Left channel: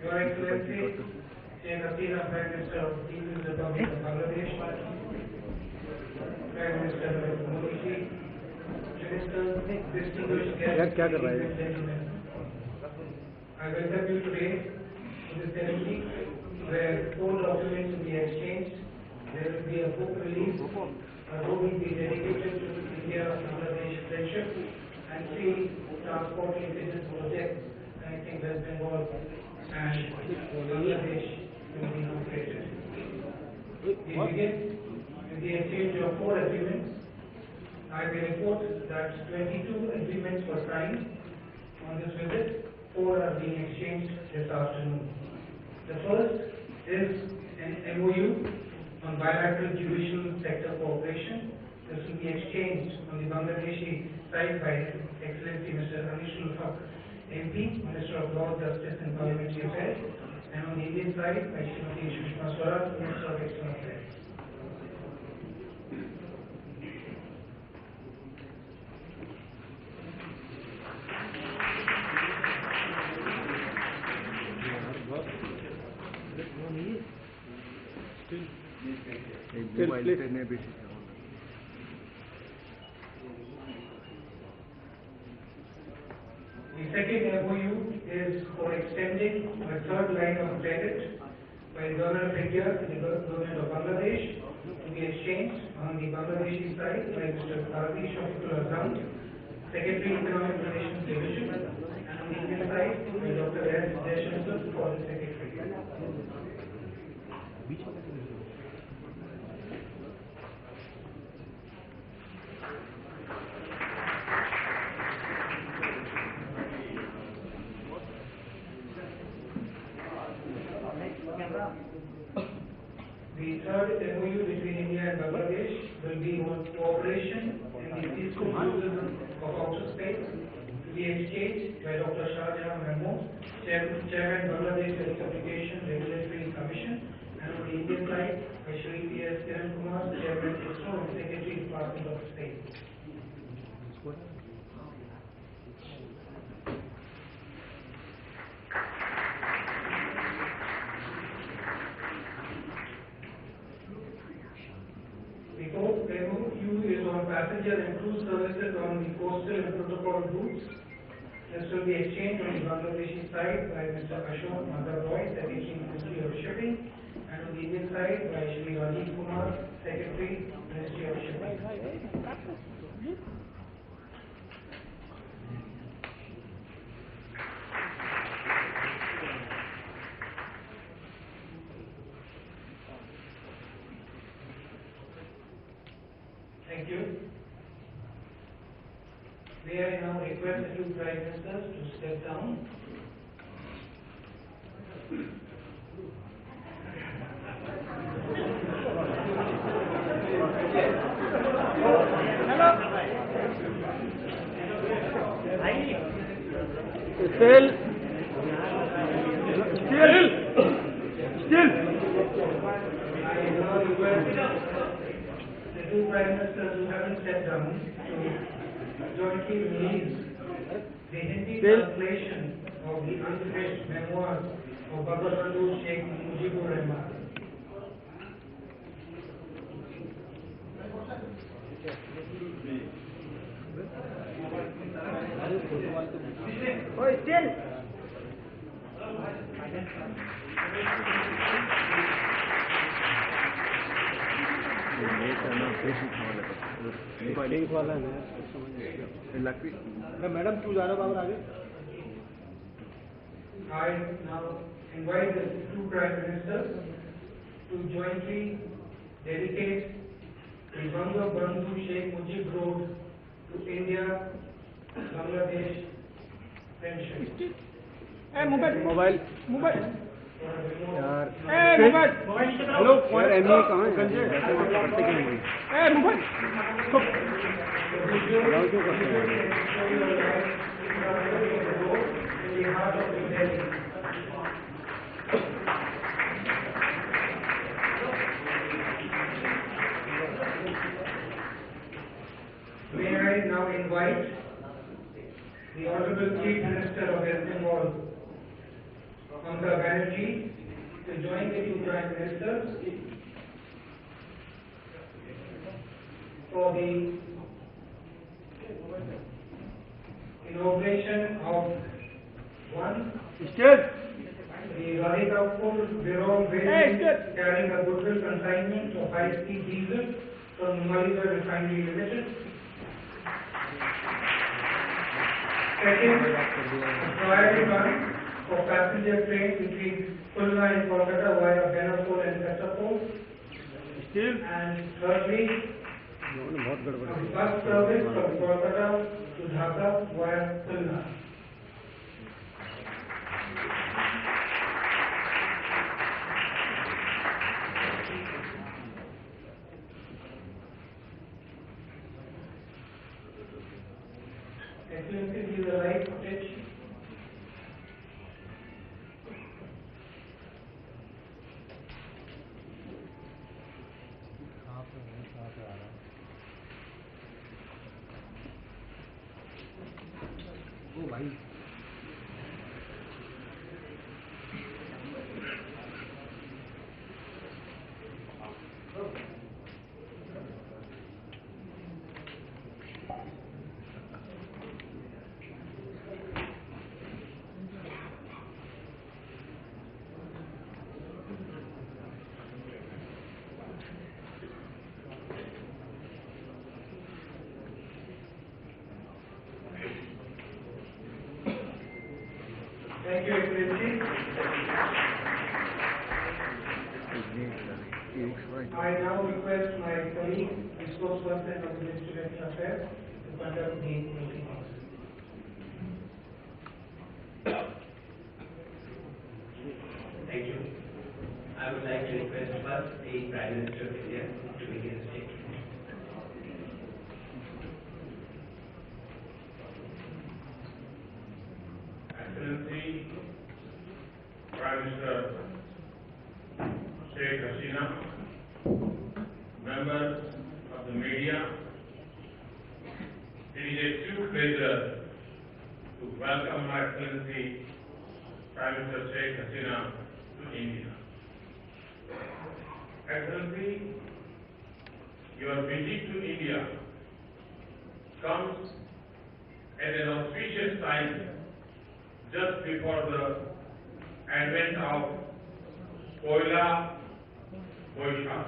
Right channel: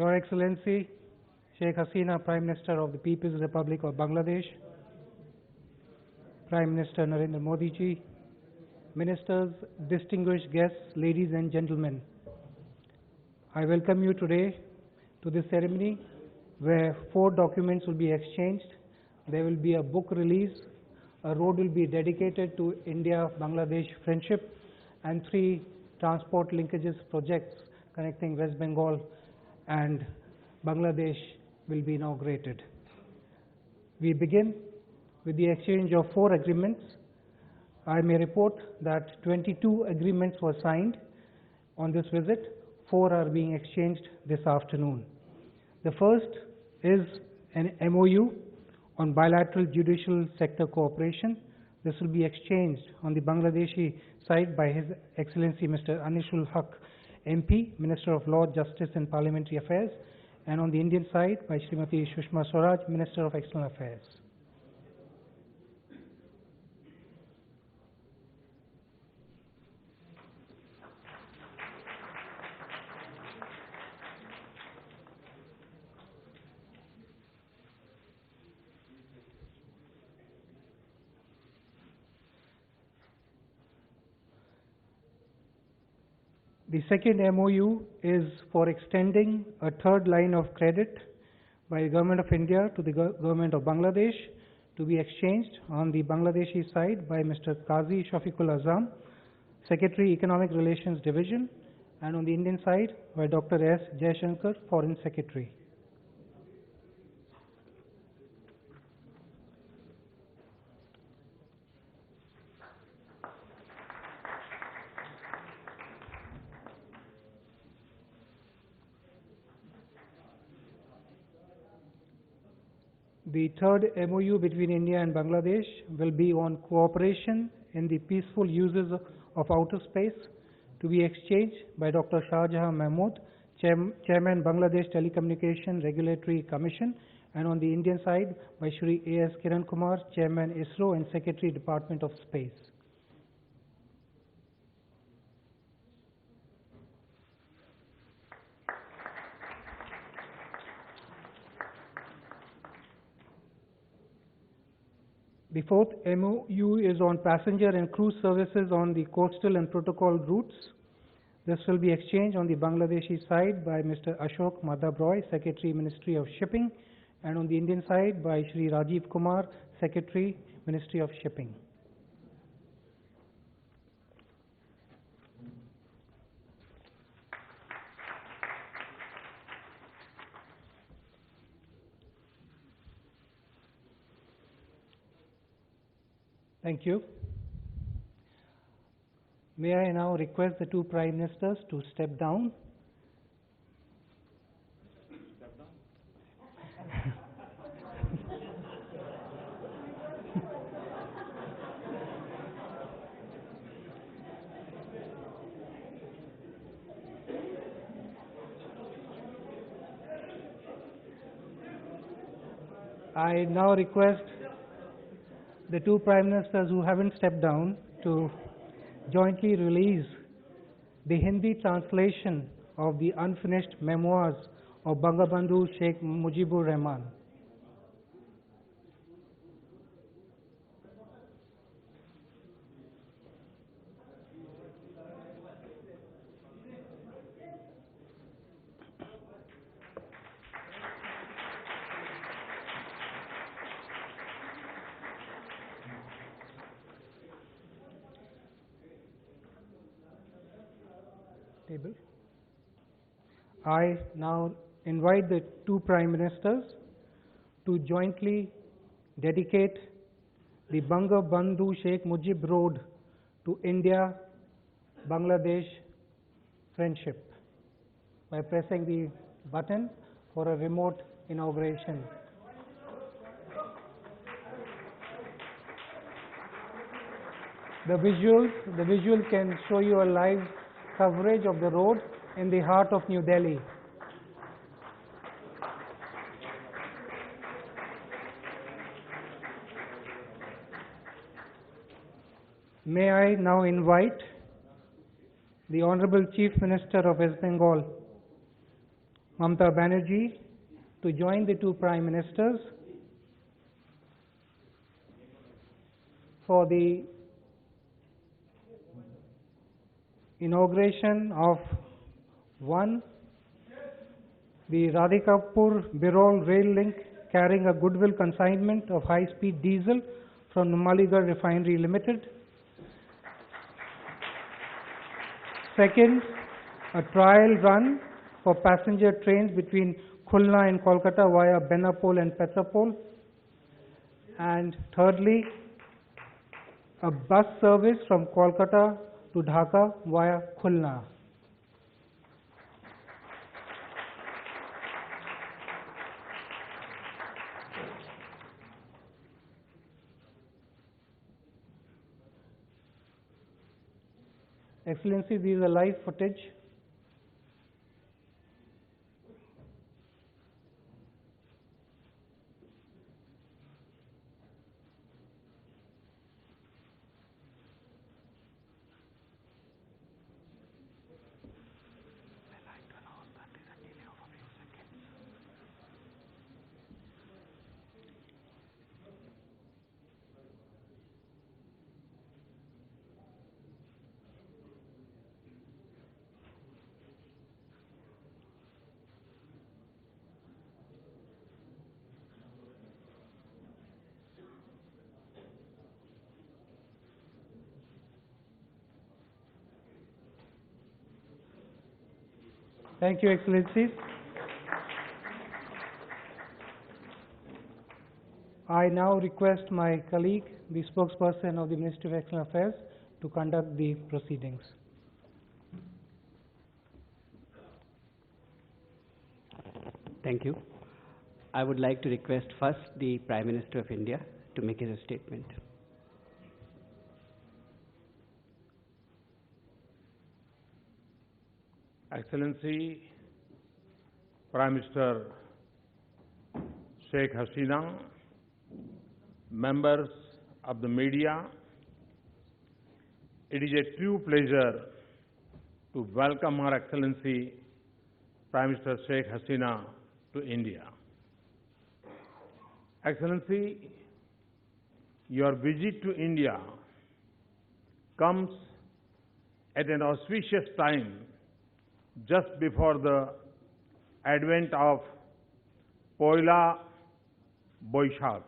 Your Excellency, Sheikh Hasina, Prime Minister of the People's Republic of Bangladesh, Prime Minister Narendra Modi ji, Ministers, distinguished guests, ladies and gentlemen, I welcome you today to this ceremony where 4 documents will be exchanged. There will be a book release, a road will be dedicated to India-Bangladesh friendship, and 3 transport linkages projects connecting West Bengal and Bangladesh will be inaugurated. We begin with the exchange of 4 agreements. I may report that 22 agreements were signed on this visit. 4 are being exchanged this afternoon. The first is an MOU on bilateral judicial sector cooperation. This will be exchanged on the Bangladeshi side by His Excellency Mr. Anishul Haq, MP, Minister of Law, Justice and Parliamentary Affairs, and on the Indian side by Srimati Sushma Swaraj, Minister of External Affairs. The second MOU is for extending a 3rd line of credit by the Government of India to the Government of Bangladesh, to be exchanged on the Bangladeshi side by Mr. Qazi Shafiqul Azam, Secretary Economic Relations Division, and on the Indian side by Dr. S. Jaishankar, Foreign Secretary. The 3rd MOU between India and Bangladesh will be on cooperation in the peaceful uses of outer space, to be exchanged by Dr. Shah Jahan Mahmood, Chairman Bangladesh Telecommunication Regulatory Commission, and on the Indian side by Shri A.S. Kiran Kumar, Chairman ISRO and Secretary Department of Space. The 4th MOU is on passenger and cruise services on the coastal and protocol routes. This will be exchanged on the Bangladeshi side by Mr. Ashok Madhav Roy, Secretary, Ministry of Shipping, and on the Indian side by Shri Rajiv Kumar, Secretary, Ministry of Shipping. Thank you. May I now request the 2 Prime Ministers to step down. Still. I now request the 2 Prime Ministers who haven't stepped down to jointly release the Hindi translation of the unfinished memoirs of Bangabandhu Sheikh Mujibur Rahman. I now invite the 2 Prime Ministers to jointly dedicate the Bangabandhu Sheikh Mujib Road to India Bangladesh friendship. Mobile. Button for a remote inauguration. Hello. The visual can show you a live coverage of the road in the heart of New Delhi. May I now invite the Honorable Chief Minister of West Bengal Mamata Banerjee to join the two Prime Ministers for the inauguration of one, the Radhikapur-Birol railway carrying a goodwill consignment of high-speed diesel from Numaligarh Refinery Limited. Second, a trial run for passenger trains between Khulna and Kolkata via Benapole and Pethapole. And thirdly, a bus service from Kolkata to Dhaka via Khulna. Excellency, these are live footage. Thank you, Excellency. I now request my colleague, the spokesperson of the Ministry of External Affairs, to conduct the proceedings. Thank you. I would like to request first the Prime Minister of India to make a statement. Excellency, Prime Minister Sheikh Hasina, members of the media, it is a true pleasure to welcome Her Excellency Prime Minister Sheikh Hasina to India. Excellency, your visit to India comes at an auspicious time just before the advent of Poila Boishakh.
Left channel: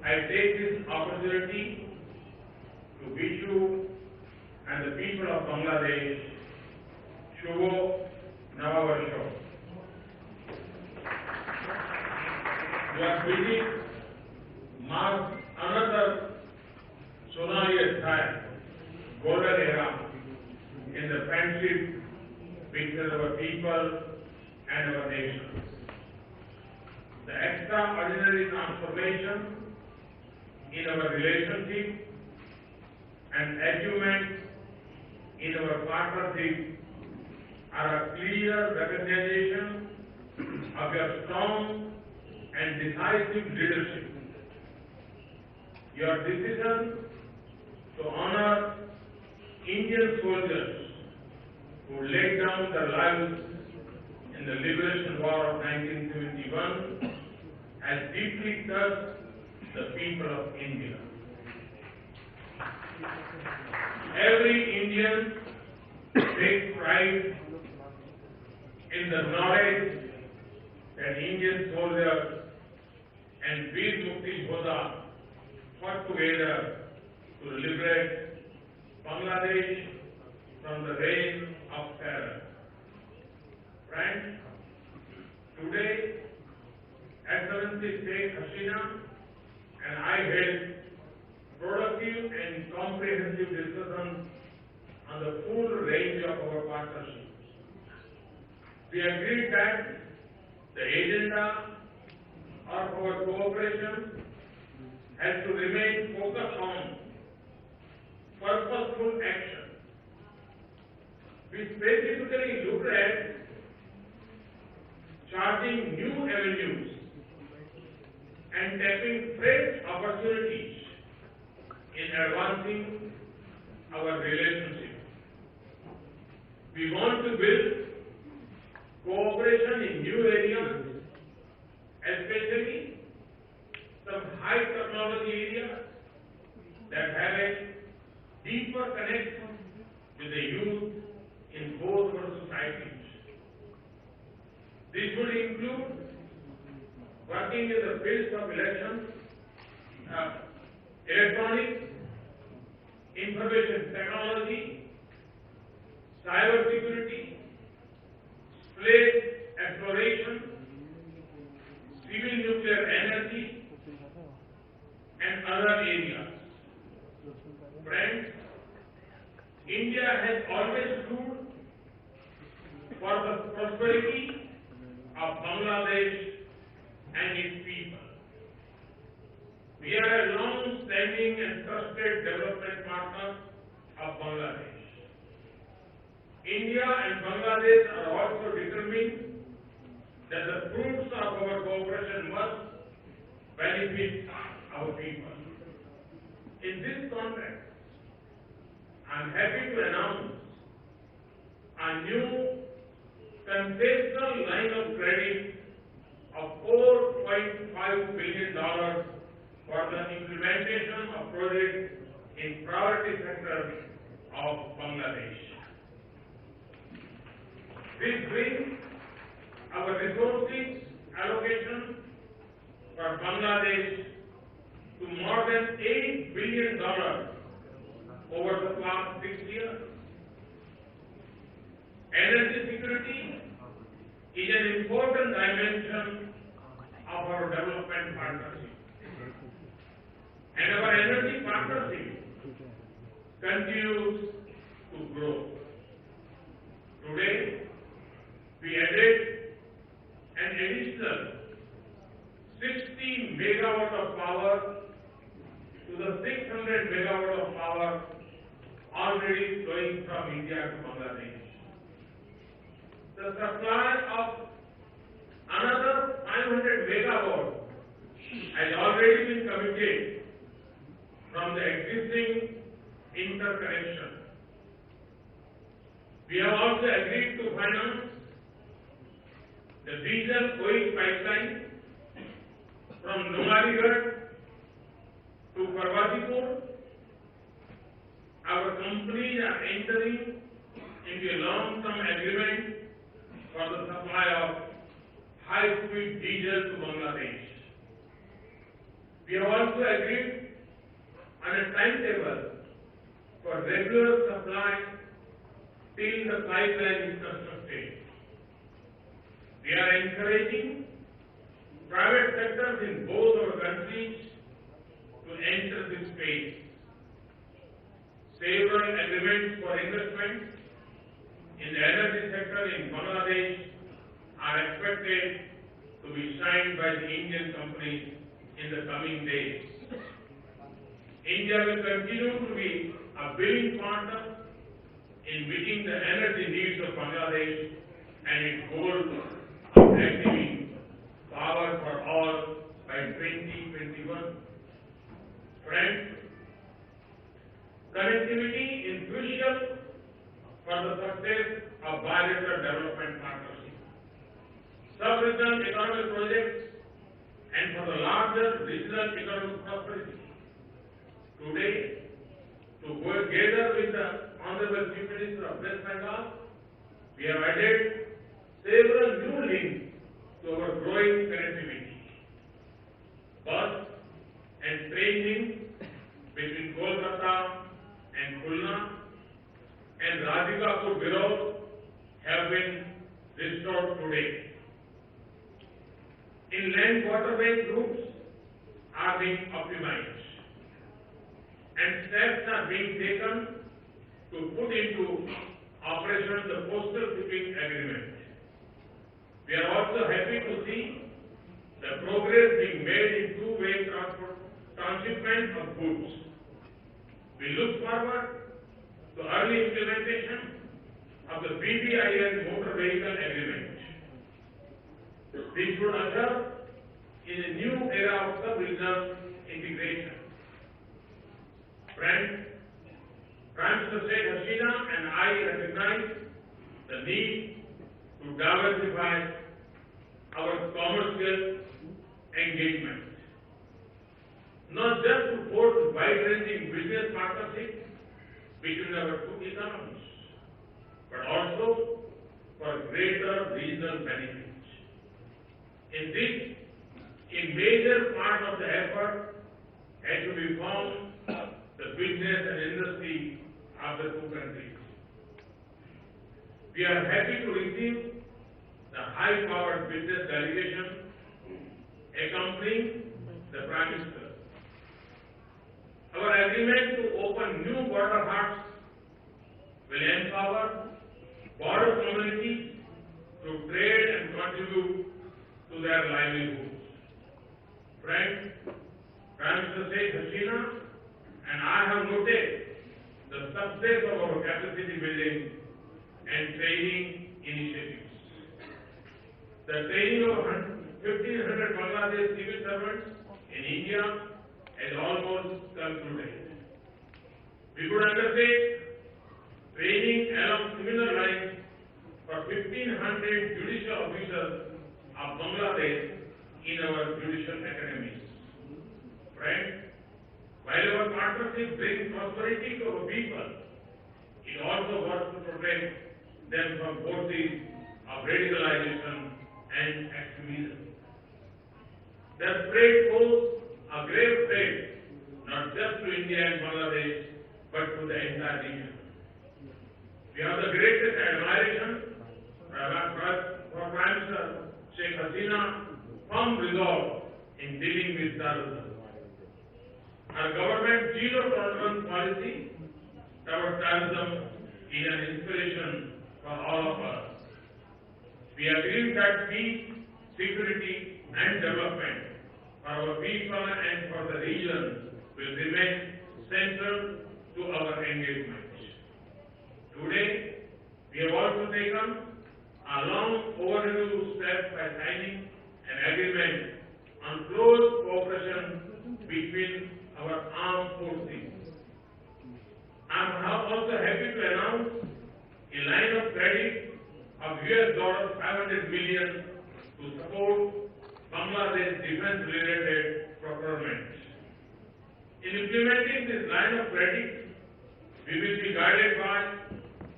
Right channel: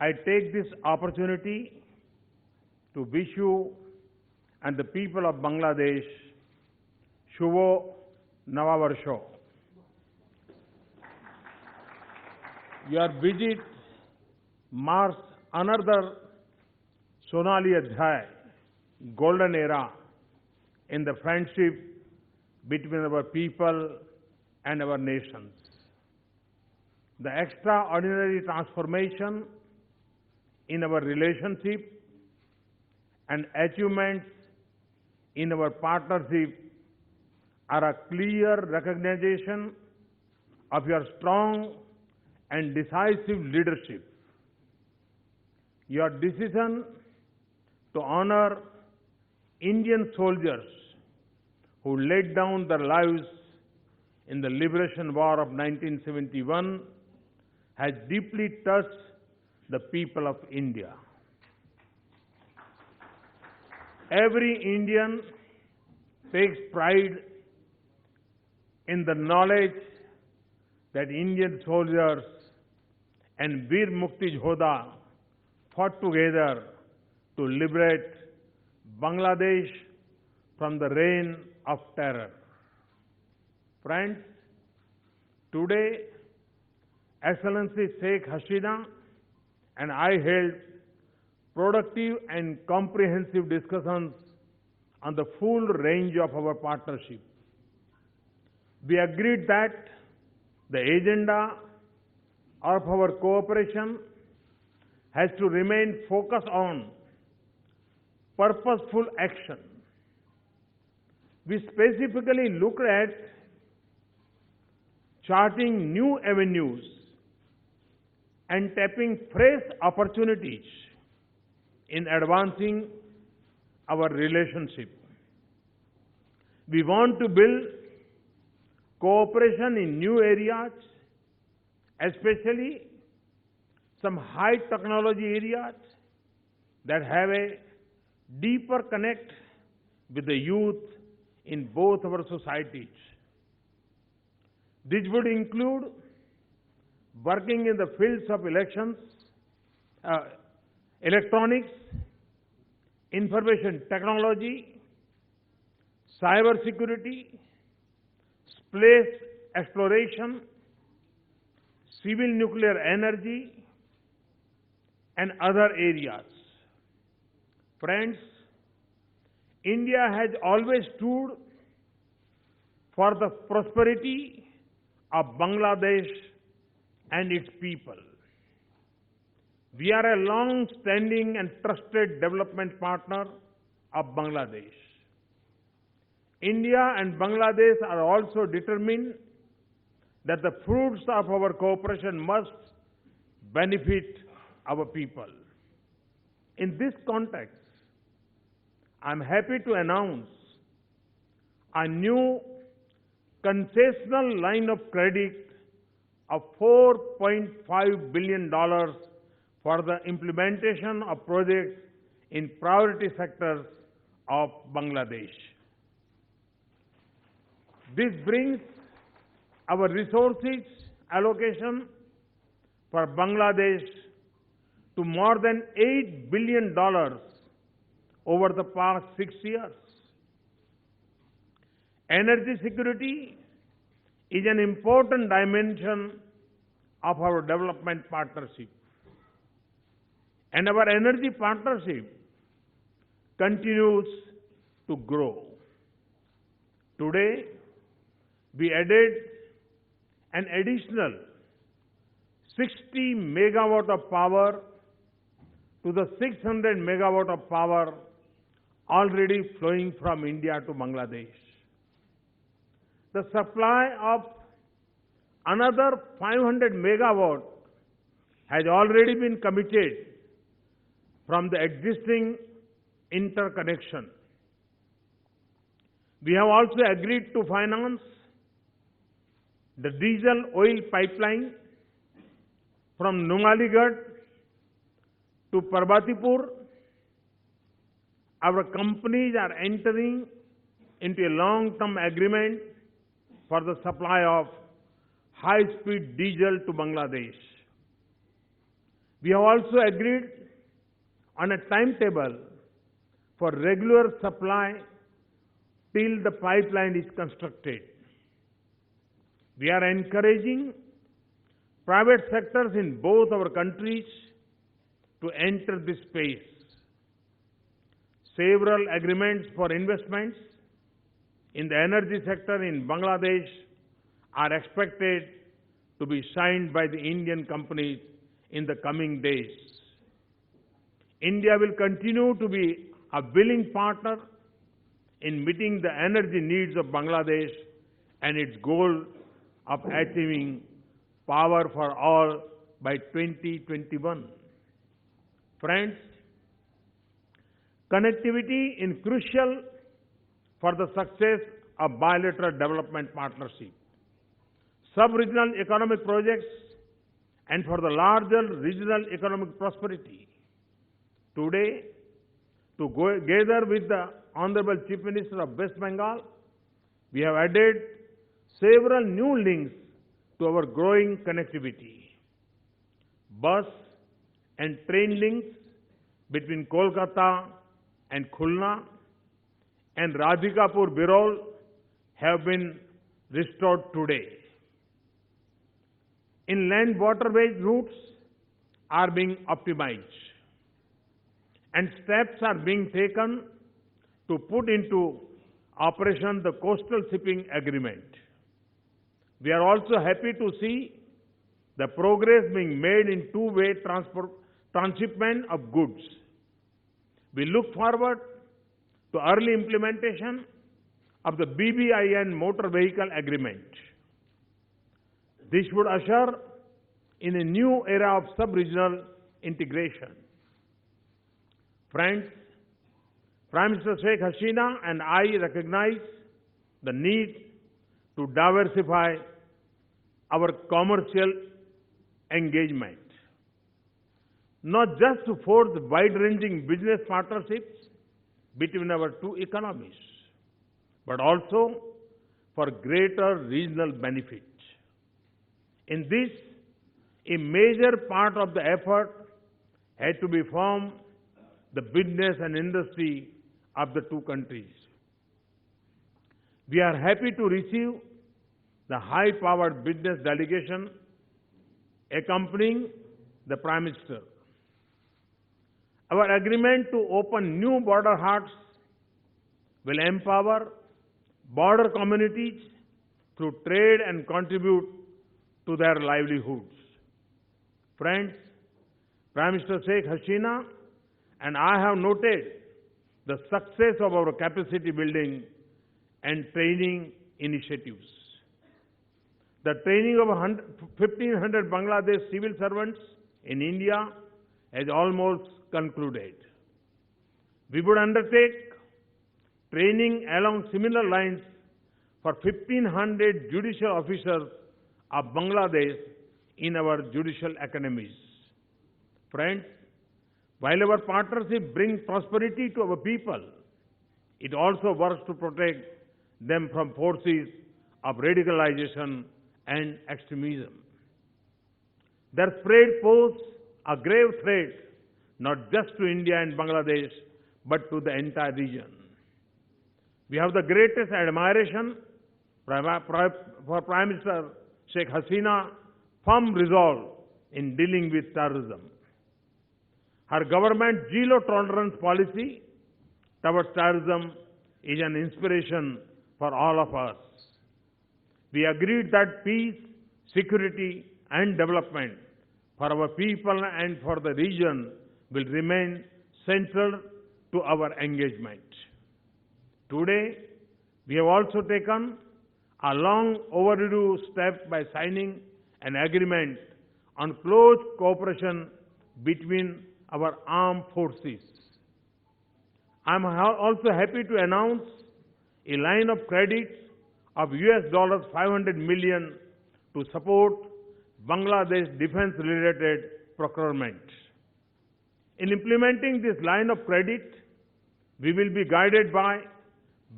I take this opportunity to wish you and the people of Bangladesh Shubho Navavarsho. Your visit marks another Sonali Adhyay, golden era in the friendship between our people and our nation. The extraordinary transformation in our relationship and achievements in our partnership are a clear recognition of your strong and decisive leadership. Your decision to honor Indian soldiers who laid down their lives in the Liberation War of 1971 has deeply touched the people of India. Every Indian takes pride in the knowledge that Indian soldiers and Veer Mukti Jodha fought together to liberate Bangladesh from the reign of terror. Friends, today, Excellency Sheikh Hasina and I held productive and comprehensive discussions on the full range of our partnership. We agreed that the agenda of our cooperation has to remain focused on purposeful action. We specifically looked at charting new avenues and tapping fresh opportunities in advancing our relationship. We want to build cooperation in new areas, especially some high technology areas that have a deeper connect with the youth in both our societies. This would include working in the fields of elections, electronics, information technology, cyber security, space exploration, civil nuclear energy, and other areas. Friends, India has always stood for the prosperity of Bangladesh and its people. We are a long-standing and trusted development partner of Bangladesh. India and Bangladesh are also determined that the fruits of our cooperation must benefit our people. In this context, I am happy to announce a new concessional line of credit of $4.5 billion for the implementation of projects in priority sectors of Bangladesh. This brings our resources allocation for Bangladesh to more than $8 billion over the past 6 years. Energy security is an important dimension of our development partnership. And our energy partnership continues to grow. Today, we added an additional 60 megawatt of power to the 600 megawatt of power already flowing from India to Bangladesh. The supply of another 500 megawatt has already been committed from the existing interconnection. We have also agreed to finance the diesel oil pipeline from Numaligarh to Parbatipur. Our companies are entering into a long-term agreement for the supply of high-speed diesel to Bangladesh. We have also agreed on a timetable for regular supply till the pipeline is constructed. We are encouraging private sectors in both our countries to enter this space. Several agreements for investments in the energy sector in Bangladesh are expected to be signed by the Indian companies in the coming days. India will continue to be a willing partner in meeting the energy needs of Bangladesh and its goal of achieving power for all by 2021. Friends, connectivity is crucial for the success of bilateral development partnership, sub-regional economic projects, and for the larger regional economic prosperity. Today, together with the Honorable Chief Minister of West Bengal, we have added several new links to our growing connectivity. Bus and train links between Kolkata and Khulna and Radhikapur Birol have been restored today. Inland waterways routes are being optimized, and steps are being taken to put into operation the coastal shipping agreement. We are also happy to see the progress being made in two-way transshipment of goods. We look forward to early implementation of the BBIN motor vehicle agreement. This would usher in a new era of sub-regional integration. Friends, Prime Minister Sheikh Hasina and I recognize the need to diversify our commercial engagement, not just to forge wide-ranging business partnerships between our two economies, but also for greater regional benefits. In this, a major part of the effort has to be from the business and industry of the two countries. We are happy to receive the high-powered business delegation accompanying the Prime Minister. Our agreement to open new border huts will empower border communities through trade and contribute to their livelihoods. Friends, Prime Minister Sheikh Hasina and I have noted the success of our capacity building and training initiatives. The training of 1,500 Bangladesh civil servants in India has almost concluded. We would undertake training along similar lines for 1,500 judicial officers of Bangladesh in our judicial academies. Friends, while our partnership brings prosperity to our people, it also works to protect them from forces of radicalization and extremism. Their spread pose a grave threat not just to India and Bangladesh, but to the entire region. We have the greatest admiration for Prime Minister Sheikh Hasina's firm resolve in dealing with terrorism. Our government's zero-tolerance policy towards terrorism is an inspiration for all of us. We agree that peace, security and development for our people and for the region will remain central to our engagement. Today, we have also taken a long overdue step by signing an agreement on close cooperation between our armed forces. I am also happy to announce a line of credit of $500 million to support Bangladesh defense-related procurement. In implementing this line of credit, we will be guided by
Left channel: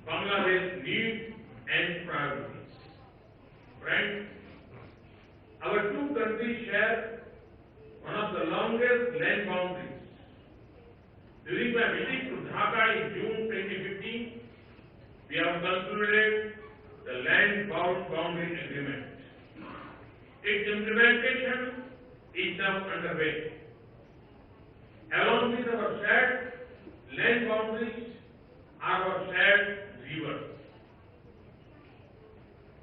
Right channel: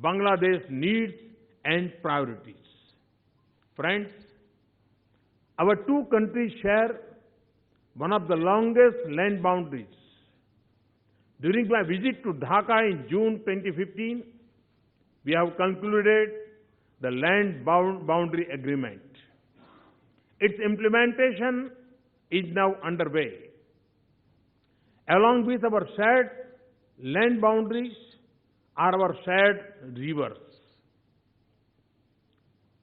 Bangladesh's needs and priorities. Friends, our two countries share one of the longest land boundaries. During my visit to Dhaka in June 2015, we have concluded the land boundary agreement. Its implementation is now underway. Along with our shared land boundaries are our shared rivers.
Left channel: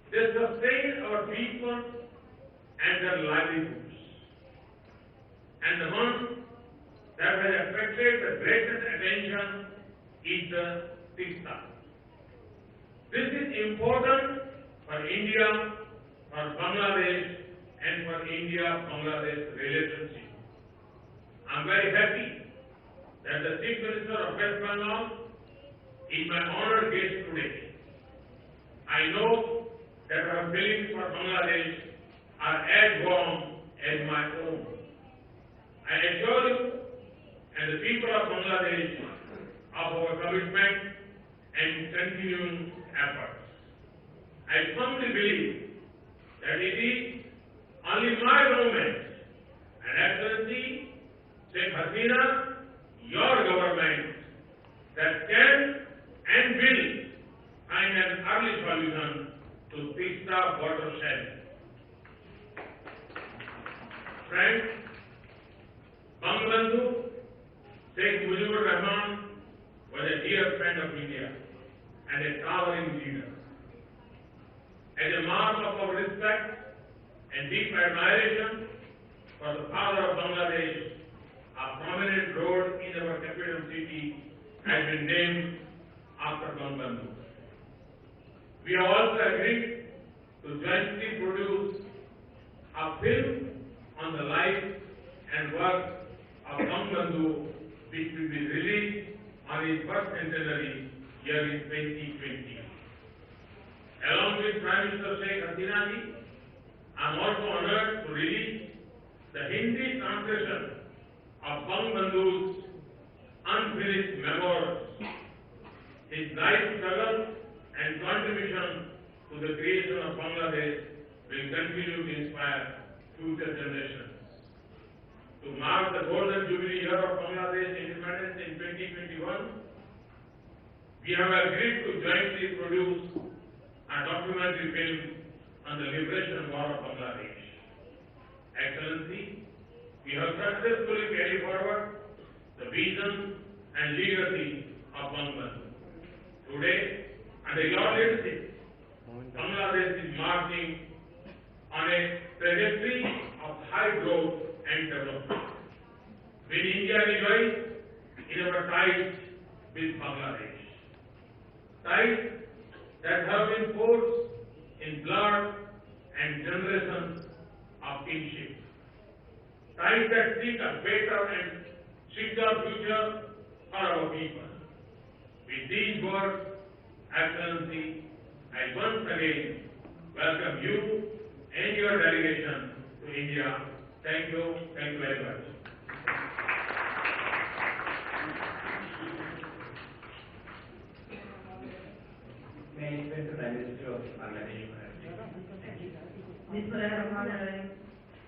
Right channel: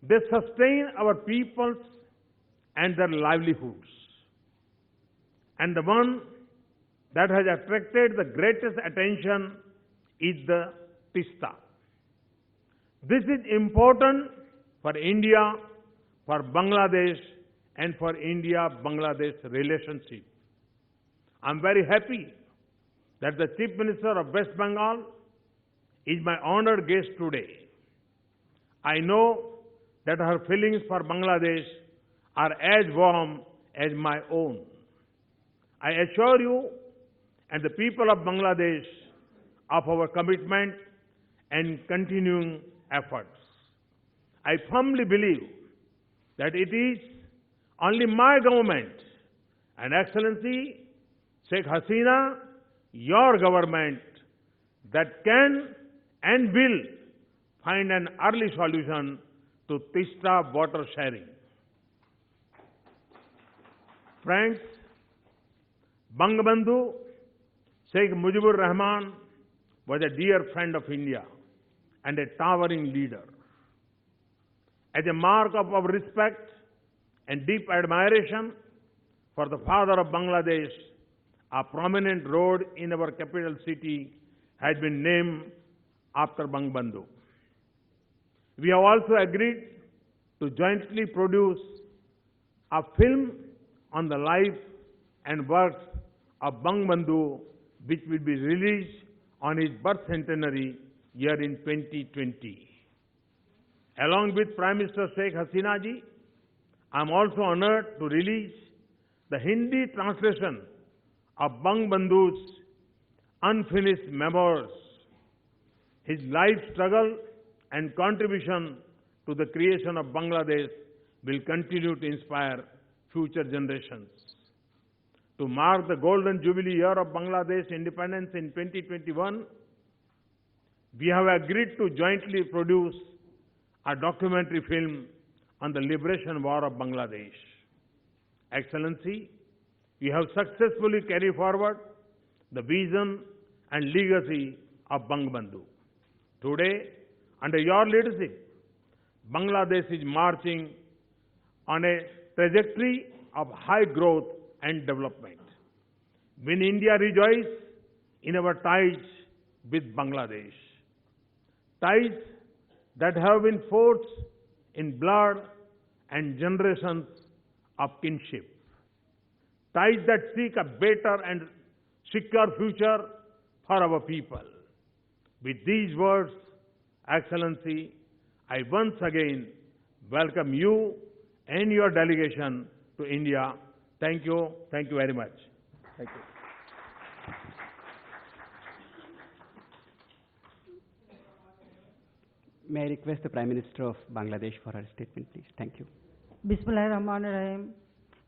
They sustain our people and their livelihoods. And the one that has attracted the greatest attention is the Tista. This is important for India, for Bangladesh, and for India-Bangladesh relationship. I am very happy that the Chief Minister of West Bengal is my honored guest today. I know that her feelings for Bangladesh are as warm as my own. I assure you and the people of Bangladesh of our commitment and continuing efforts. I firmly believe that it is only my government and Excellency Sheikh Hasina, your government, that can and will find an early solution to Tista watershed. Friends, Bangabandhu Sheikh Mujibur Rahman was a dear friend of India and a towering leader. As a mark of our respect and deep admiration for the father of Bangladesh, a prominent road in our capital city has been named after Bangabandhu. We have also agreed to jointly produce a film on the life and work of Bangabandhu, which will be released on his birth centenary year in 2020. Along with Prime Minister Sheikh Hasina ji, I am also honored to release the Hindi translation of Bangabandhu's unfinished memoirs. His life struggle and contribution to the creation of Bangladesh will continue to inspire future generations. To mark the golden jubilee year of Bangladesh independence in 2021, we have agreed to jointly produce a documentary film on the liberation war of Bangladesh. Excellency, we have successfully carried forward the vision and legacy of Bangabandhu. Today, under your leadership, Bangladesh is marching on a trajectory of high growth and development. When India rejoice in our ties with Bangladesh, ties that have been forged in blood and generations of kinship, ties that seek a better and secure future for our people. With these words, Excellency, I once again welcome you and your delegation to India. Thank you very much. May I request the Prime Minister of Bangladesh for a statement? Thank you. Bismillahirrahmanirrahim.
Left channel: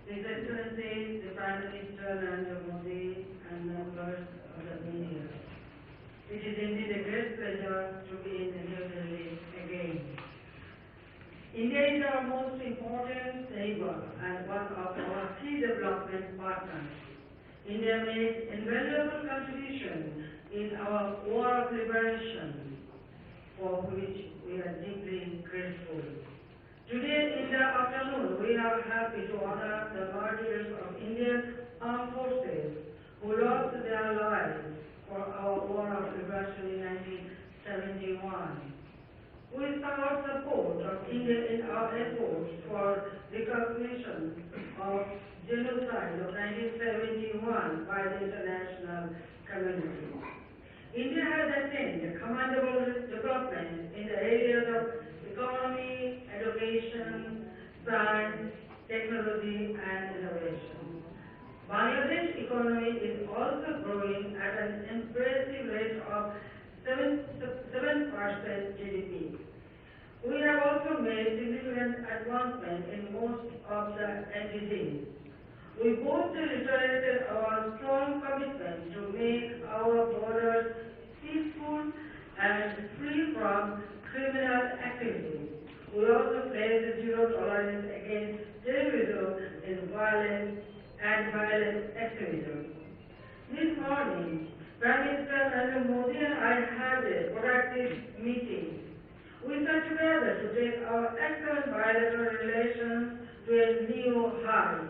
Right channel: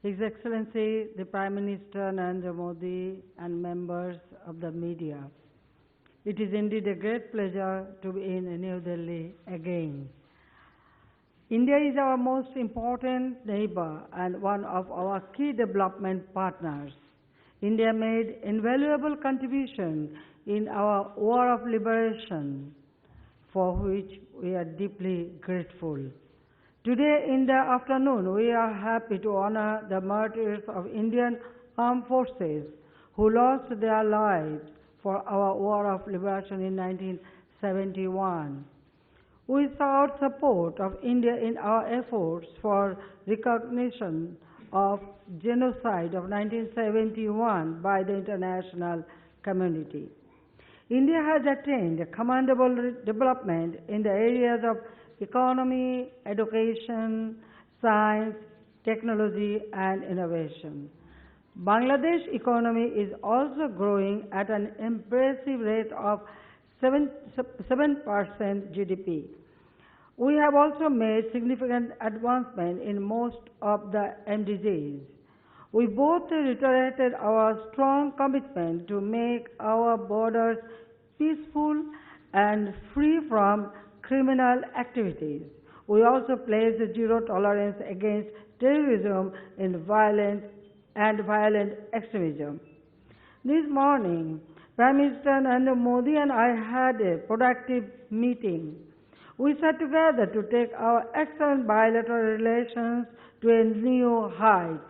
His Excellency, the Prime Minister Narendra Modi and members of the media. It is indeed a great pleasure to be in New Delhi again. India is our most important neighbor and one of our key development partners. India made invaluable contribution in our war of liberation, for which we are deeply grateful. Today in the afternoon, we are happy to honor the martyrs of Indian armed forces who lost their lives for our war of liberation in 1971. We sought support of India in our efforts for recognition of genocide of 1971 by the international community. India has attained commendable development in the areas of economy, education, science, technology and innovation. Bangladesh economy is also growing at an impressive rate of 7% GDP. We have also made significant advancement in most of the NDGs. We both reiterated our strong commitment to make our borders peaceful and free from criminal activities. We also pledged zero tolerance against terrorism and violent extremism. This morning, Prime Minister Narendra Modi and I had a productive meeting. We sat together to take our excellent bilateral relations to a new height.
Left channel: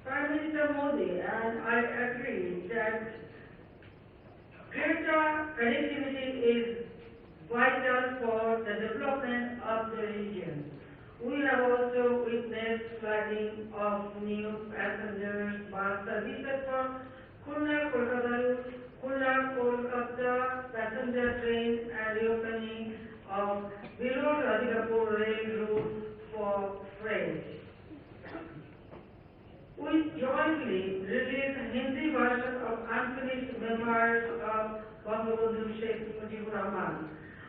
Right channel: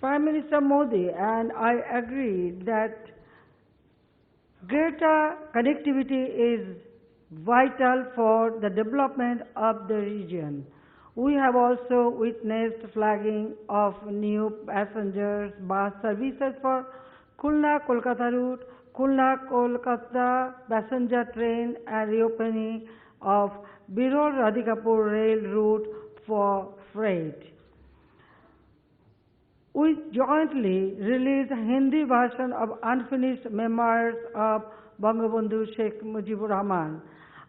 Prime Minister Modi and I agree that greater connectivity is vital for the development of the region. We have also witnessed flagging of new passenger bus services for Khulna-Kolkata route, Khulna-Kolkata passenger train and reopening of Birur-Radhikapur rail route for freight. We jointly released a Hindi version of unfinished memoirs of Bangabandhu Sheikh Mujibur Rahman.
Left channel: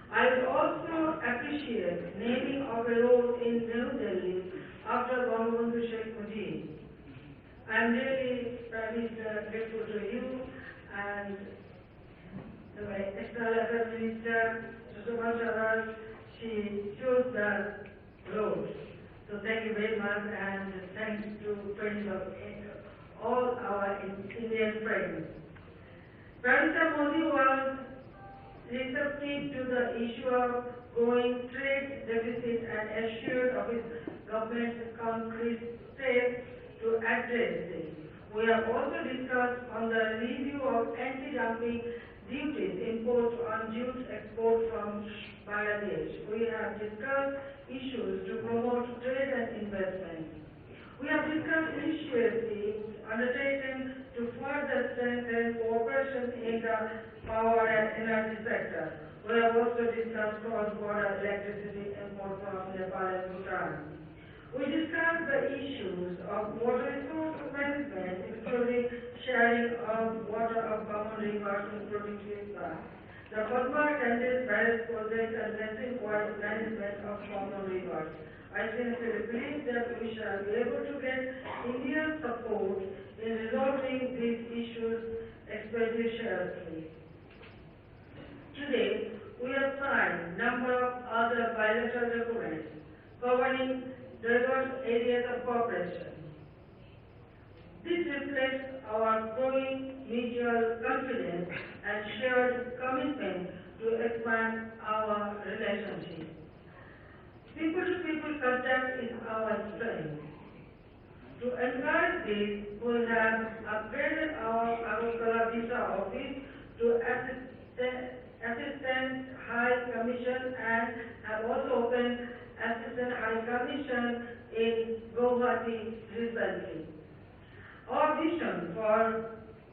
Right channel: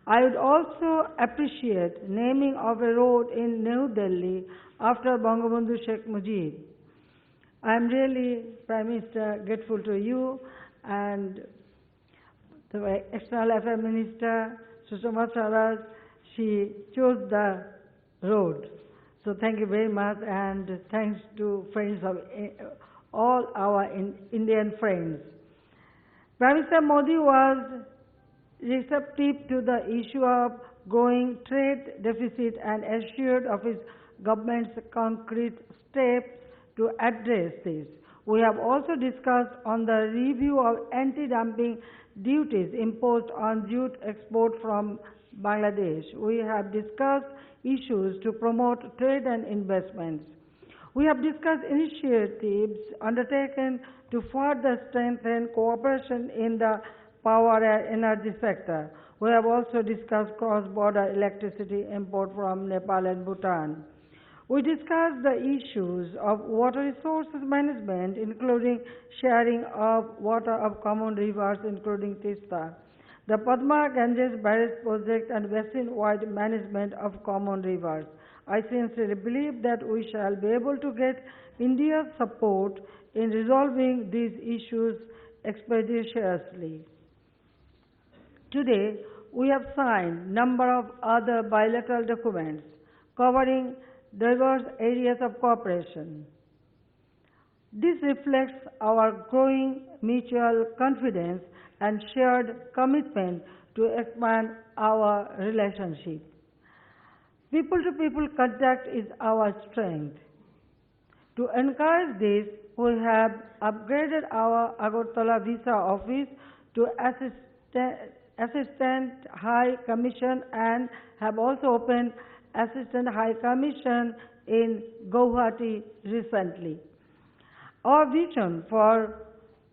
I would also appreciate naming of a road in New Delhi after Bangabandhu Sheikh Mujib. I am really, Prime Minister, grateful to you and the External Affairs Minister, Sushma Swaraj. She chose the road. So thank you very much, and thanks to friends of all our Indian friends. Prime Minister Modi was receptive to the issue of growing trade deficit and assured of his government's concrete steps to address this. We have also discussed on the review of anti-dumping duties imposed on jute export from Bangladesh. We have discussed issues to promote trade and investments. We have discussed initiatives undertaken to further strengthen cooperation in the power and energy sector. We have also discussed cross-border electricity import from Nepal and Bhutan. We discussed the issues of water resources management, including sharing of water of common rivers, including Tista, the Padma Ganges barrage project, and basin-wide management of common rivers. I sincerely believe that we shall be able to get India's support in resolving these issues expeditiously. Today, we have signed a number of other bilateral documents covering diverse areas of cooperation. This reflects our growing mutual confidence and shared commitment to expand our relationship. People-to-people contact is our strength. To encourage this, we have upgraded our Agartala visa office to Assistant High Commission and have also opened Assistant High Commission in Guwahati recently. Our vision for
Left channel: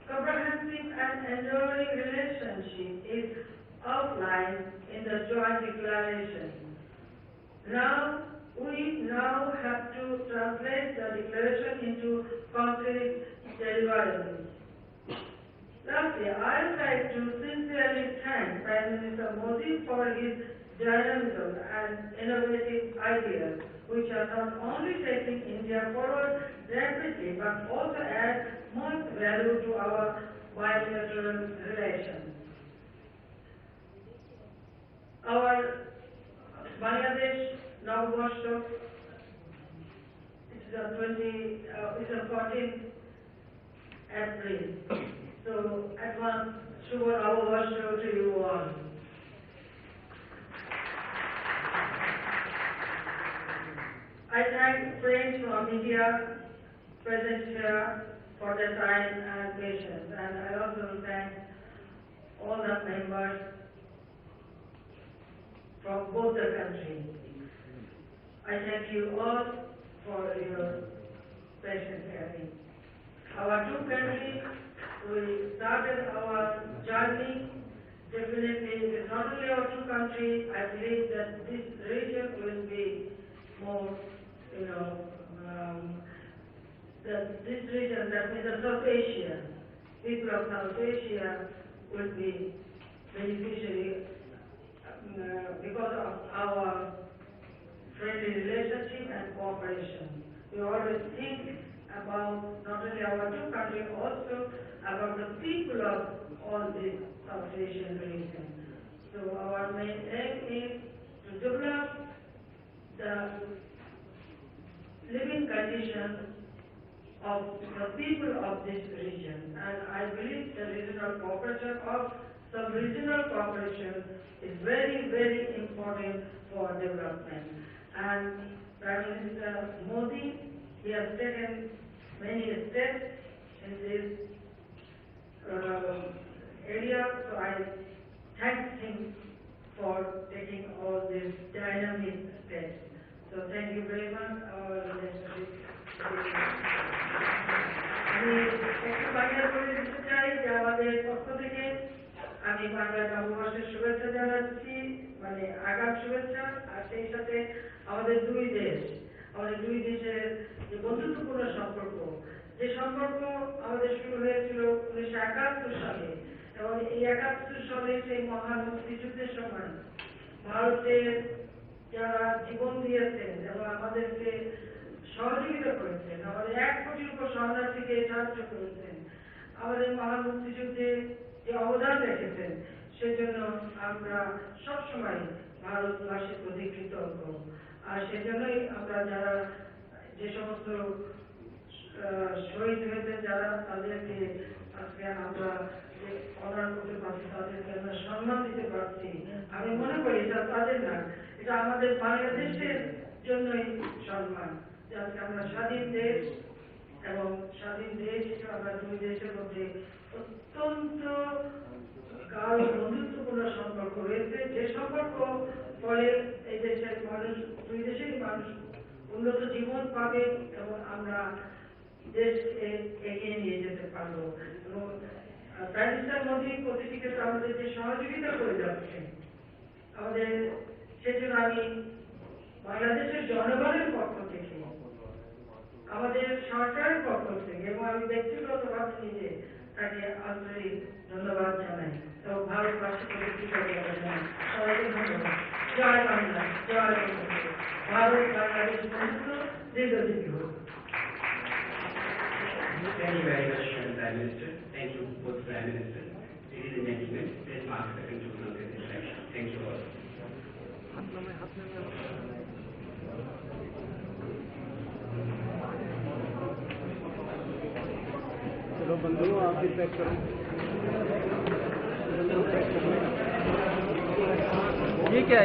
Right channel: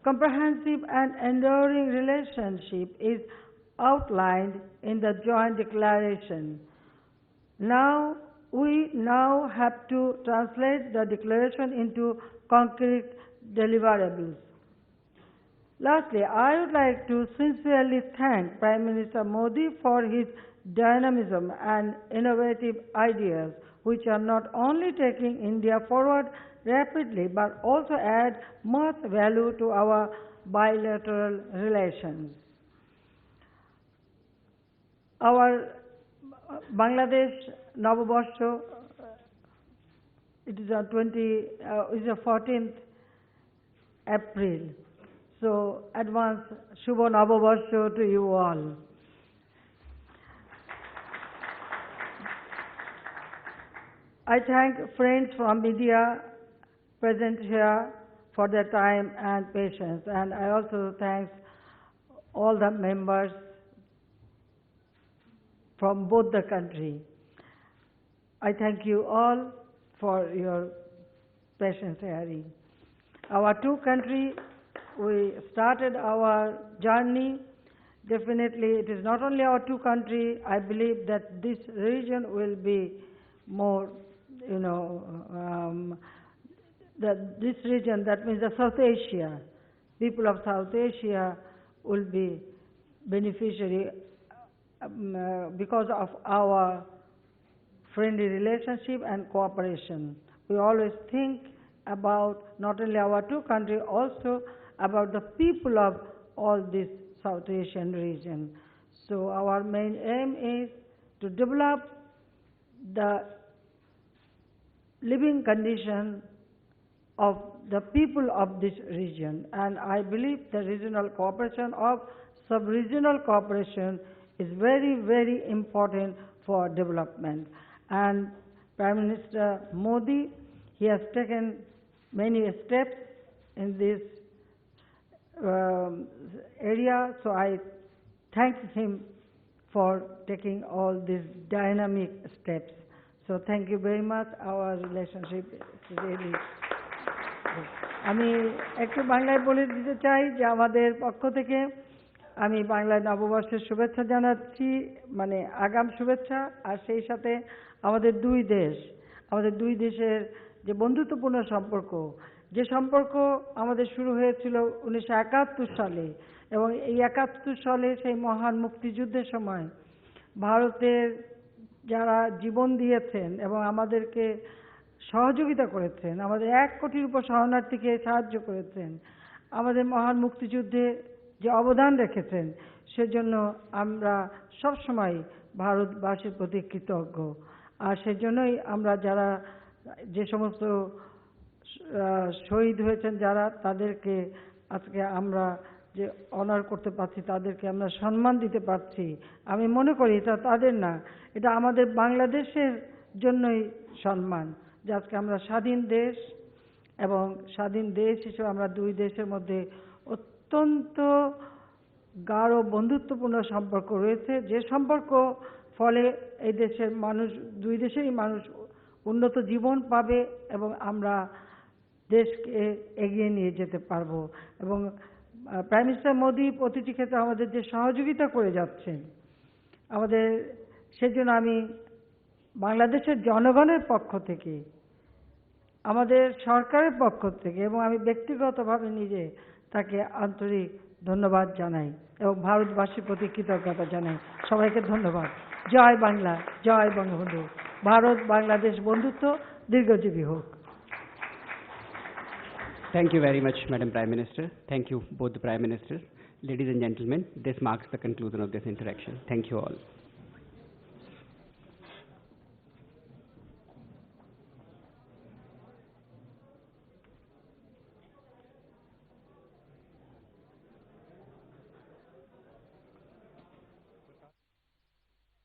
comprehensive and enduring relationship is outlined in the joint declaration. We now have to translate the declaration into concrete deliverables. Lastly, I would like to sincerely thank Prime Minister Modi for his dynamism and innovative ideas, which are not only taking India forward rapidly but also add much value to our bilateral relations. Our Bangladesh Navabarsha, it is the 14th April. So, advance Shubha Navabarsha to you all. I thank friends from media present here for their time and patience, and I also thank all the members from both the countries. I thank you all for your patience hearing. Our two countries, we started our journey. Definitely, it is not only our two countries. I believe that this region will be more, this region, that means the South Asia, people of South Asia will be beneficiary because of our friendly relationship and cooperation. We always think about not only our two countries, also about the people of all this South Asian region. So our main aim is to develop the living conditions of the people of this region, and I believe the regional cooperation or sub-regional cooperation is very, very important for development. And Prime Minister Modi, he has taken many steps in this area, so I thank him for taking all these dynamic steps. So thank you very much. Our relationship is very আমি একটু বাংলায় বলে দিতে চাই যে আমাদের পক্ষ থেকে আমি বাংলায় নববর্ষের শুভেচ্ছা জানাচ্ছি, মানে আগাম শুভেচ্ছা, আর সেই সাথে আমাদের দুই দেশের যে বন্ধুত্বপূর্ণ সম্পর্ক, যে সম্পর্ক আমাদের শুরু হয়েছিল 1971 সালে, এবং এই 71 সালে সেই মহান মুক্তিযুদ্ধের সময় ভারতের যারা জীবন দিয়েছেন এবং আমাদেরকে সহযোগিতা করেছেন, আমাদের 1 কোটির উপর শরণার্থীকে সাহায্য করেছেন, আমাদের মহান মুক্তিযুদ্ধে যে অবদান রেখেছেন, সেজন্য আমরা সবসময় ভারতবাসীর প্রতি কৃতজ্ঞ। আর সেজন্যই আমরা যারা যে সমস্ত শহীদ হয়েছেন যারা, তাদেরকে আজকে আমরা যে অনার করতে পারছি, তাদেরকে আমরা সম্মান দিতে পারছি, আমি মনে করি এটা তাদের না, এটা আমাদের বাংলাদেশের জন্যই সম্মান, যে আজকে আমরা স্বাধীন দেশ, এবং স্বাধীন দেশ হিসেবে আমরা দুই দেশের মধ্যে অত্যন্ত গাঢ় বন্ধুত্বপূর্ণ সম্পর্ক রয়েছে, যে সম্পর্ক ফলে এই দেশের মানুষ, দুই দেশেরই মানুষ উন্নত জীবন পাবে এবং আমরা দেশকে এগিয়ে নিয়ে যেতে পারবো। এবং প্রাইম মিনিস্টার মোদি প্রতিটি ক্ষেত্রে আমাদের যে সহযোগিতা করে যাচ্ছেন, আমাদের সেজন্য আমি বাংলাদেশের জনগণের পক্ষ থেকে, আমাদের সরকারের পক্ষ থেকে এবং আমি ব্যক্তিগতভাবে নিজে তাকে আন্তরিক ধন্যবাদ জানাই এবং ভারতবাসীর প্রতি কৃতজ্ঞতা জানাই। সবাইকে ধন্যবাদ। জয় বাংলা, জয় বঙ্গবন্ধু। ভারত বাংলাদেশ বন্ধুত্ব দীর্ঘজীবী হোক। Thank you very much, Madam Prime Minister. Thank you, both Prime Ministers. Ladies and gentlemen, this marks the conclusion of this interaction. Thank you all. चलो बंधु आप भी पैक करो। ये क्या